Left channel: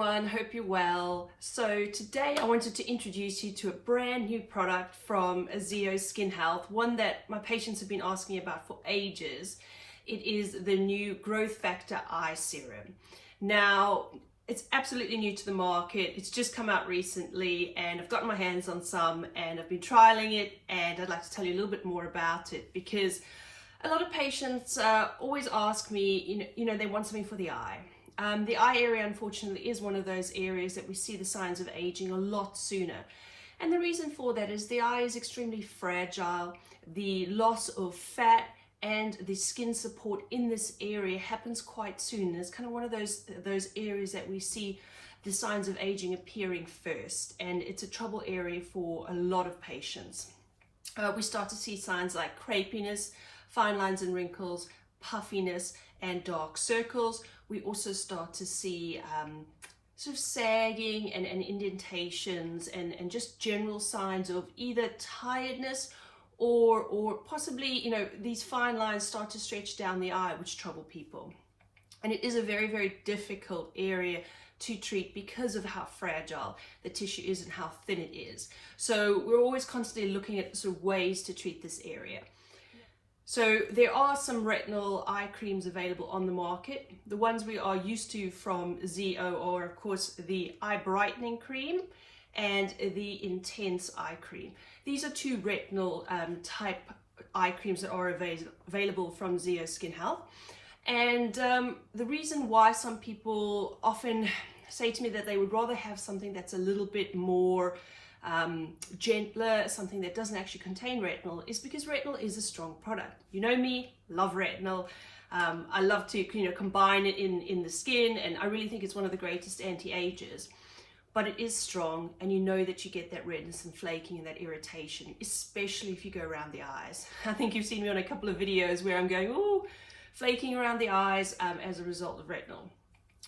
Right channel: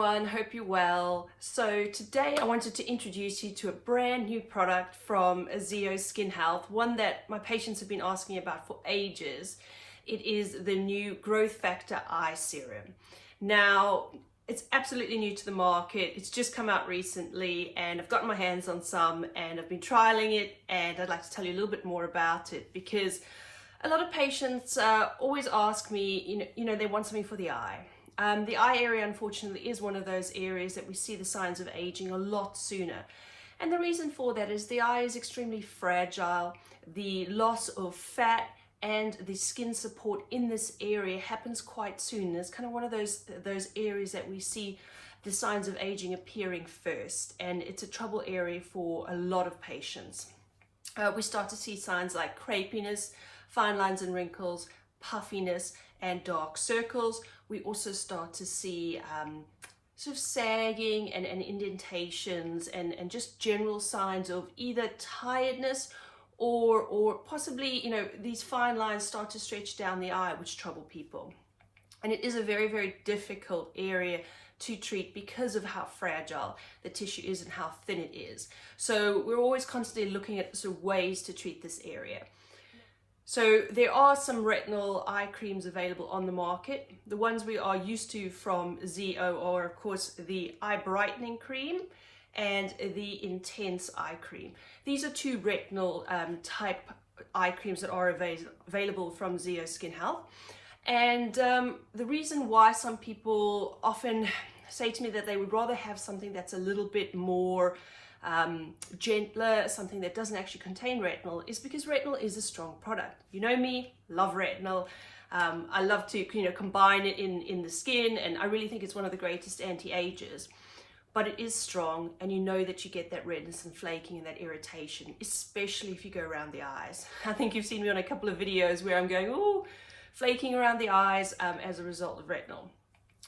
everyone, hope you're well. So today I wanted to introduce you to a brand new product from Zeo Skin Health, one that my patients have been asking about for ages. It is the new Growth Factor Eye Serum. Now, it's absolutely new to the market. It's just come out recently and I've gotten my hands on some and I've been trialing it, and I'd like to tell you a little bit more about it because a lot of patients always ask me, they want something for the eye. The eye area, unfortunately, is one of those areas that we see the signs of aging a lot sooner. And the reason for that is the eye is extremely fragile. The loss of fat and the skin support in this area happens quite soon. It's kind of one of those areas that we see the signs of aging appearing first. And it's a trouble area for a lot of patients. We start to see signs like crepiness, fine lines and wrinkles, puffiness, and dark circles. We also start to see sort of sagging and indentations and just general signs of either tiredness or possibly, these fine lines start to stretch down the eye, which trouble people. And it is a very, very difficult area to treat because of how fragile the tissue is and how thin it is. So we're always constantly looking at sort of ways to treat this area. So there are some retinal eye creams available on the market. The ones we are used to from Zeo are, of course, the eye brightening cream and the intense eye cream. These are two retinal type eye creams that are available from Zeo Skin Health. And the reason why some people often say to me that they would rather have something that's a little bit more gentler, something that doesn't actually contain retinol, is because retinol is a strong product. You know me, love retinol. I love to combine it in the skin, and I really think it's one of the greatest anti-agers. But it is strong, and you know that you get that redness and flaking and that irritation, especially if you go around the eyes. I think you've seen me on a couple of videos where I'm going, oh, flaking around the eyes as a result of retinol.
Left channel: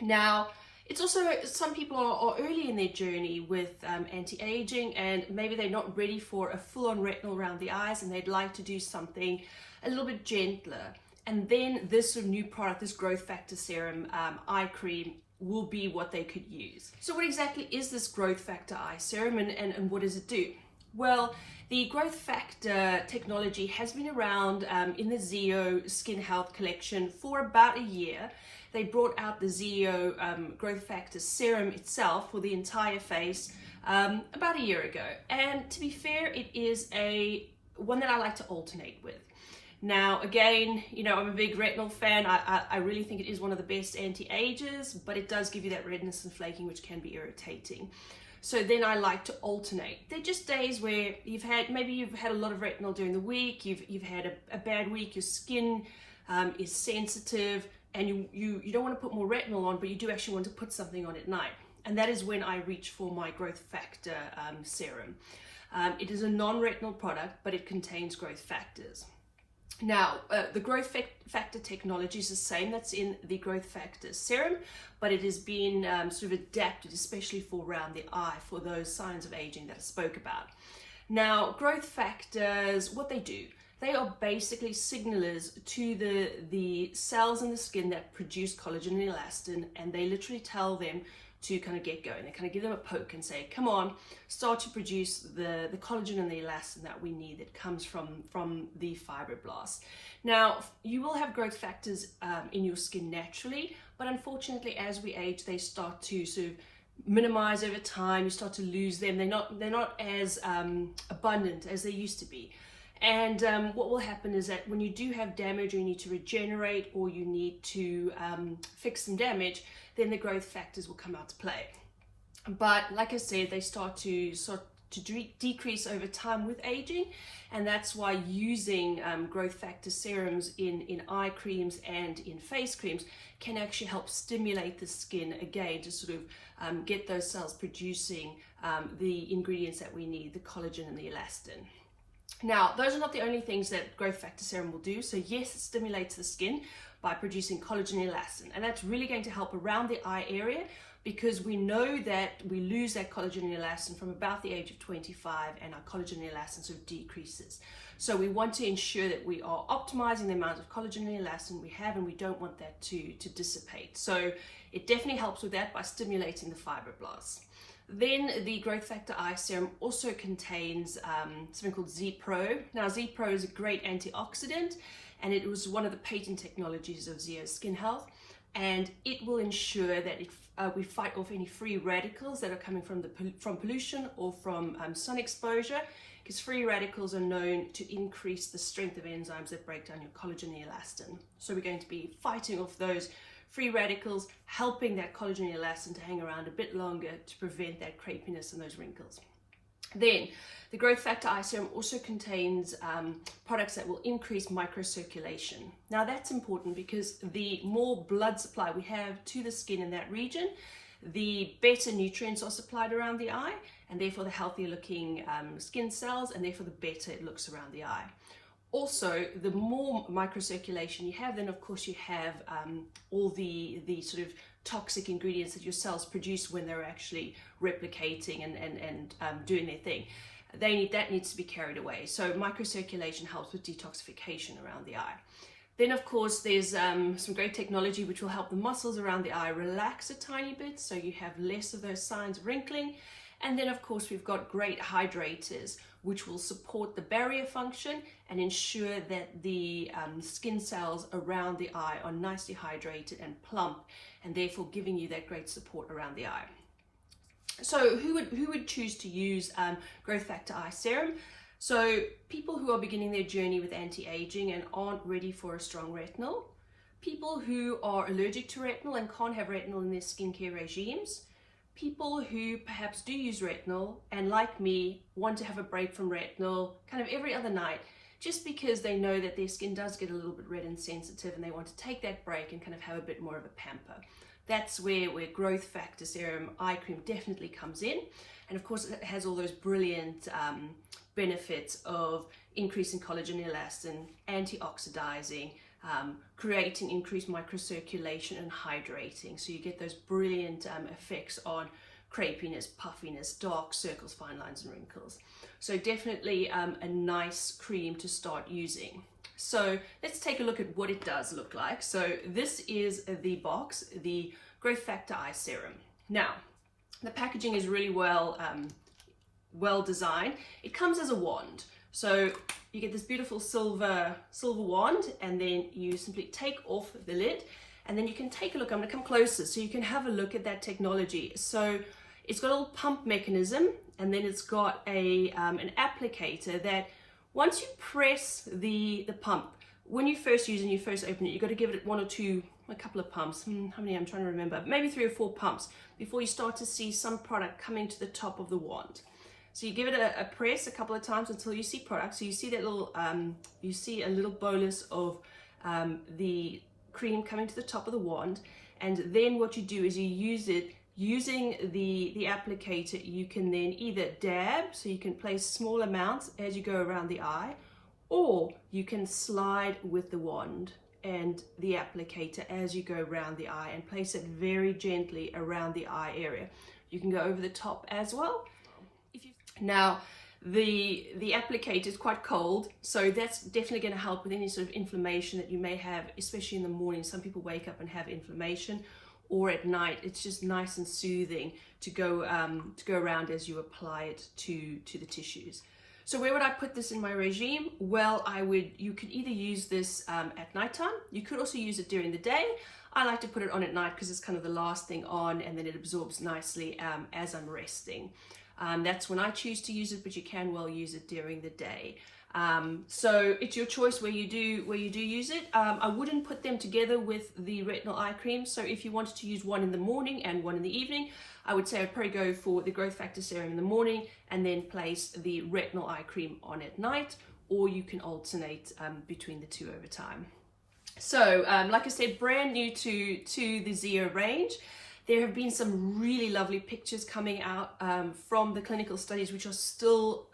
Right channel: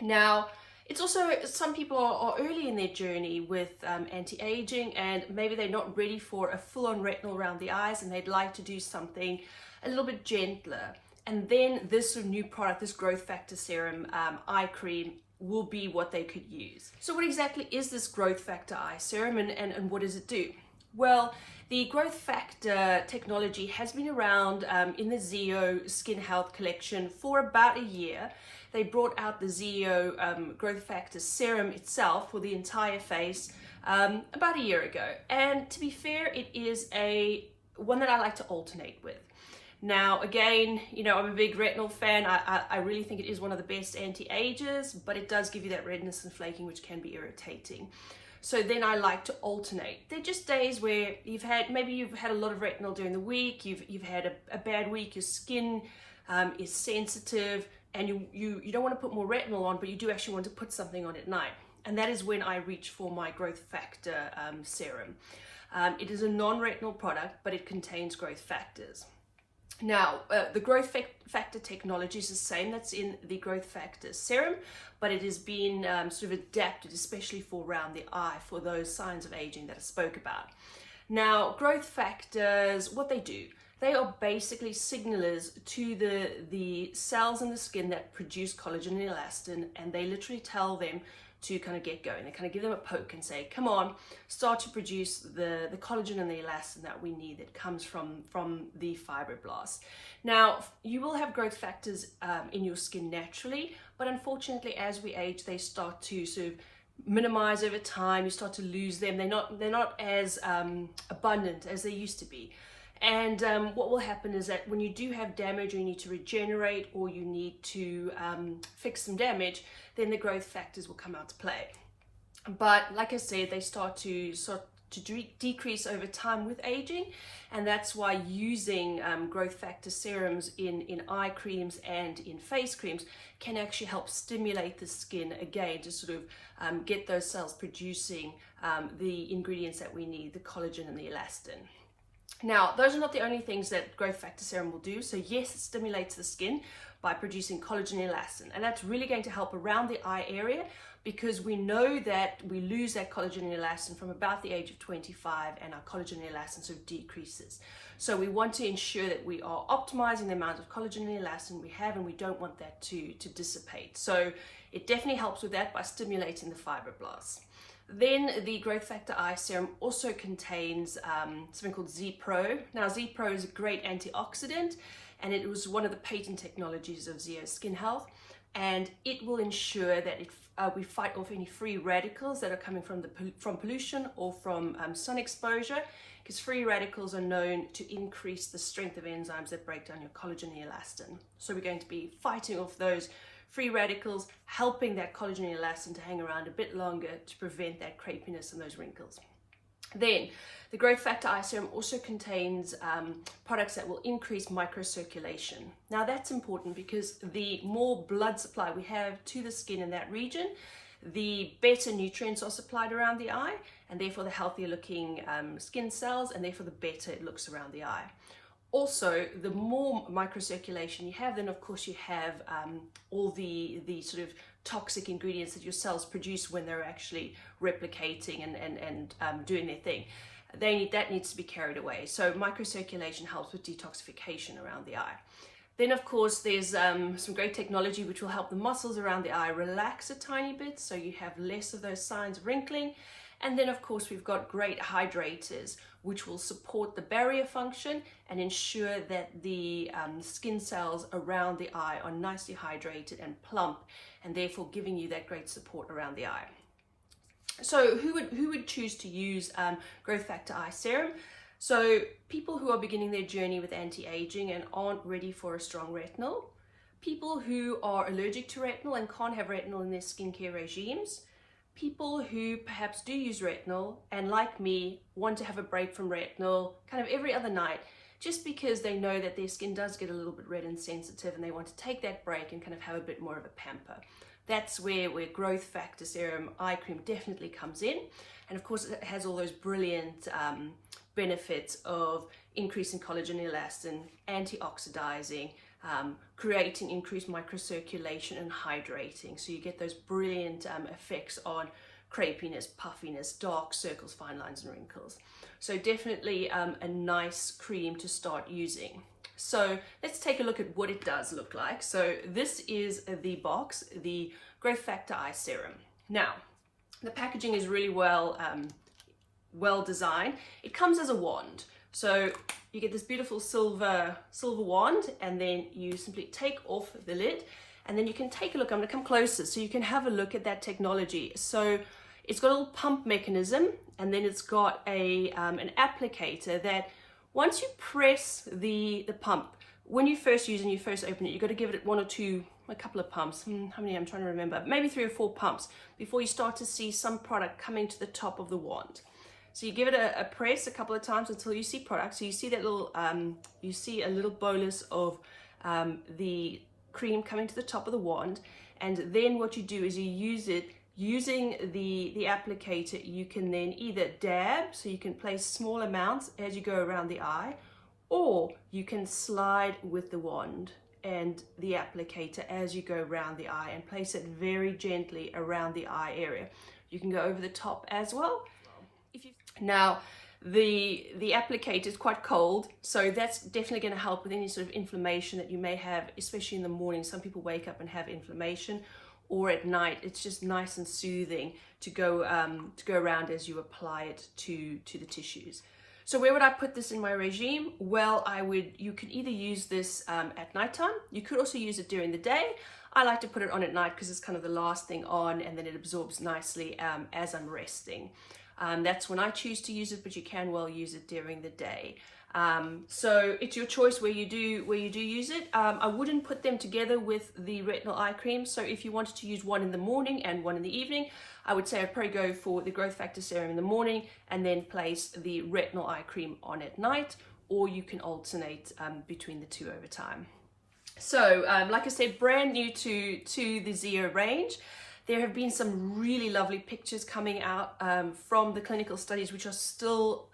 Now, it's also, some people are early in their journey with anti-aging, and maybe they're not ready for a full-on retinol around the eyes, and they'd like to do something a little bit gentler. And then this sort of new product, this Growth Factor Serum eye cream, will be what they could use. So what exactly is this Growth Factor Eye Serum, and what does it do? Well, the Growth Factor technology has been around in the Zeo Skin Health collection for about a year. They brought out the Zeo Growth Factor Serum itself for the entire face about a year ago. And to be fair, it is one that I like to alternate with. Now, again, I'm a big retinol fan. I really think it is one of the best anti-agers, but it does give you that redness and flaking, which can be irritating. So then I like to alternate. They're just days where maybe you've had a lot of retinol during the week, you've had a bad week, your skin is sensitive, and you don't want to put more retinol on, but you do actually want to put something on at night. And that is when I reach for my Growth Factor Serum. It is a non-retinol product, but it contains growth factors. Now, the Growth Factor technology is the same that's in the Growth Factor Serum, but it has been sort of adapted, especially for around the eye, for those signs of aging that I spoke about. Now, growth factors, what they do, they are basically signalers to the cells in the skin that produce collagen and elastin, and they literally tell them to kind of get going. They kind of give them a poke and say, come on, start to produce the collagen and the elastin that we need, that comes from the fibroblasts. Now, you will have growth factors in your skin naturally, but unfortunately, as we age, they start to sort of minimize over time. You start to lose them. They're not as abundant as they used to be. And what will happen is that when you do have damage, or you need to regenerate, or you need to fix some damage, then the growth factors will come out to play. But like I said, they start to decrease over time with aging, and that's why using growth factor serums in eye creams and in face creams can actually help stimulate the skin again to sort of get those cells producing the ingredients that we need, the collagen and the elastin. Now, those are not the only things that Growth Factor Serum will do. So yes, it stimulates the skin by producing collagen and elastin, and that's really going to help around the eye area, because we know that we lose that collagen and elastin from about the age of 25, and our collagen and elastin sort of decreases. So we want to ensure that we are optimizing the amount of collagen and elastin we have, and we don't want that to dissipate. So it definitely helps with that by stimulating the fibroblasts. Then the Growth Factor Eye Serum also contains something called Z-Pro. Now Z-Pro is a great antioxidant, and it was one of the patent technologies of Zeo Skin Health, and it will ensure that we fight off any free radicals that are coming from pollution or from sun exposure, because free radicals are known to increase the strength of enzymes that break down your collagen and elastin. So we're going to be fighting off those free radicals, helping that collagen and elastin to hang around a bit longer to prevent that crepiness and those wrinkles. Then the Growth Factor Eye Serum also contains products that will increase microcirculation. Now that's important, because the more blood supply we have to the skin in that region, the better nutrients are supplied around the eye, and therefore the healthier looking skin cells, and therefore the better it looks around the eye. Also, the more microcirculation you have, then of course you have all the sort of toxic ingredients that your cells produce when they're actually replicating and doing their thing. That needs to be carried away. So microcirculation helps with detoxification around the eye. Then of course there's some great technology which will help the muscles around the eye relax a tiny bit, so you have less of those signs of wrinkling. And then of course we've got great hydrators which will support the barrier function and ensure that the skin cells around the eye are nicely hydrated and plump, and therefore giving you that great support around the eye. So who would choose to use Growth Factor Eye Serum? So people who are beginning their journey with anti-aging and aren't ready for a strong retinol, people who are allergic to retinol and can't have retinol in their skincare regimes, people who perhaps do use retinol and, like me, want to have a break from retinol kind of every other night, just because they know that their skin does get a little bit red and sensitive, and they want to take that break and kind of have a bit more of a pamper. That's where Growth Factor Serum Eye Cream definitely comes in. And of course it has all those brilliant benefits of increasing collagen and elastin, anti-oxidizing, creating increased microcirculation and hydrating. So you get those brilliant effects on crepiness, puffiness, dark circles, fine lines and wrinkles. So definitely a nice cream to start using. So let's take a look at what it does look like. So this is the box, the Growth Factor Eye Serum. Now, the packaging is really well designed. It comes as a wand. So you get this beautiful silver wand, and then you simply take off the lid, and then you can take a look. I'm going to come closer so you can have a look at that technology. So it's got a little pump mechanism, and then it's got an applicator that once you press the pump, when you first use it and you first open it, you've got to give it a couple of pumps. How many? I'm trying to remember. Maybe 3 or 4 pumps before you start to see some product coming to the top of the wand. So you give it a press a couple of times until you see product. So you see that little, you see a little bolus of the cream coming to the top of the wand. And then what you do is you use it, using the applicator, you can then either dab, so you can place small amounts as you go around the eye, or you can slide with the wand and the applicator as you go around the eye and place it very gently around the eye area. You can go over the top as well. Now, the applicator is quite cold, so that's definitely going to help with any sort of inflammation that you may have, especially in the morning. Some people wake up and have inflammation, or at night. It's just nice and soothing to go around as you apply it to the tissues. So where would I put this in my regime? Well, you can either use this at nighttime. You could also use it during the day. I like to put it on at night because it's kind of the last thing on, and then it absorbs nicely as I'm resting. That's when I choose to use it, but you can well use it during the day. So it's your choice where you do use it. I wouldn't put them together with the retinol eye cream. So if you wanted to use one in the morning and one in the evening, I would say I'd probably go for the Growth Factor Serum in the morning and then place the retinol eye cream on at night, or you can alternate between the two over time. So like I said, brand new to the Zeo range. There have been some really lovely pictures coming out from the clinical studies, which are still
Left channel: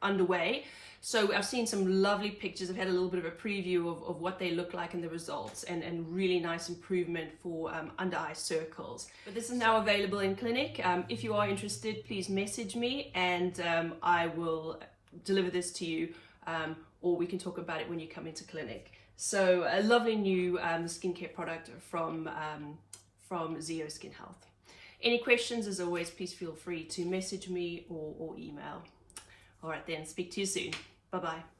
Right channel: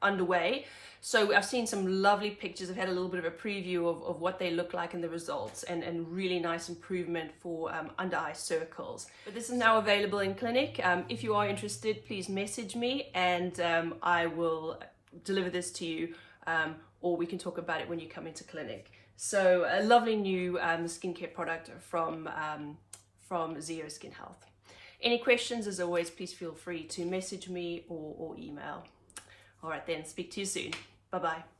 underway. So I've seen some lovely pictures. I've had a little bit of a preview of what they look like and the results, and really nice improvement for under eye circles. But this is now available in clinic. If you are interested, please message me, and I will deliver this to you, or we can talk about it when you come into clinic. So a lovely new skincare product from Zeo Skin Health. Any questions, as always, please feel free to message me or email. All right then, speak to you soon. Bye-bye.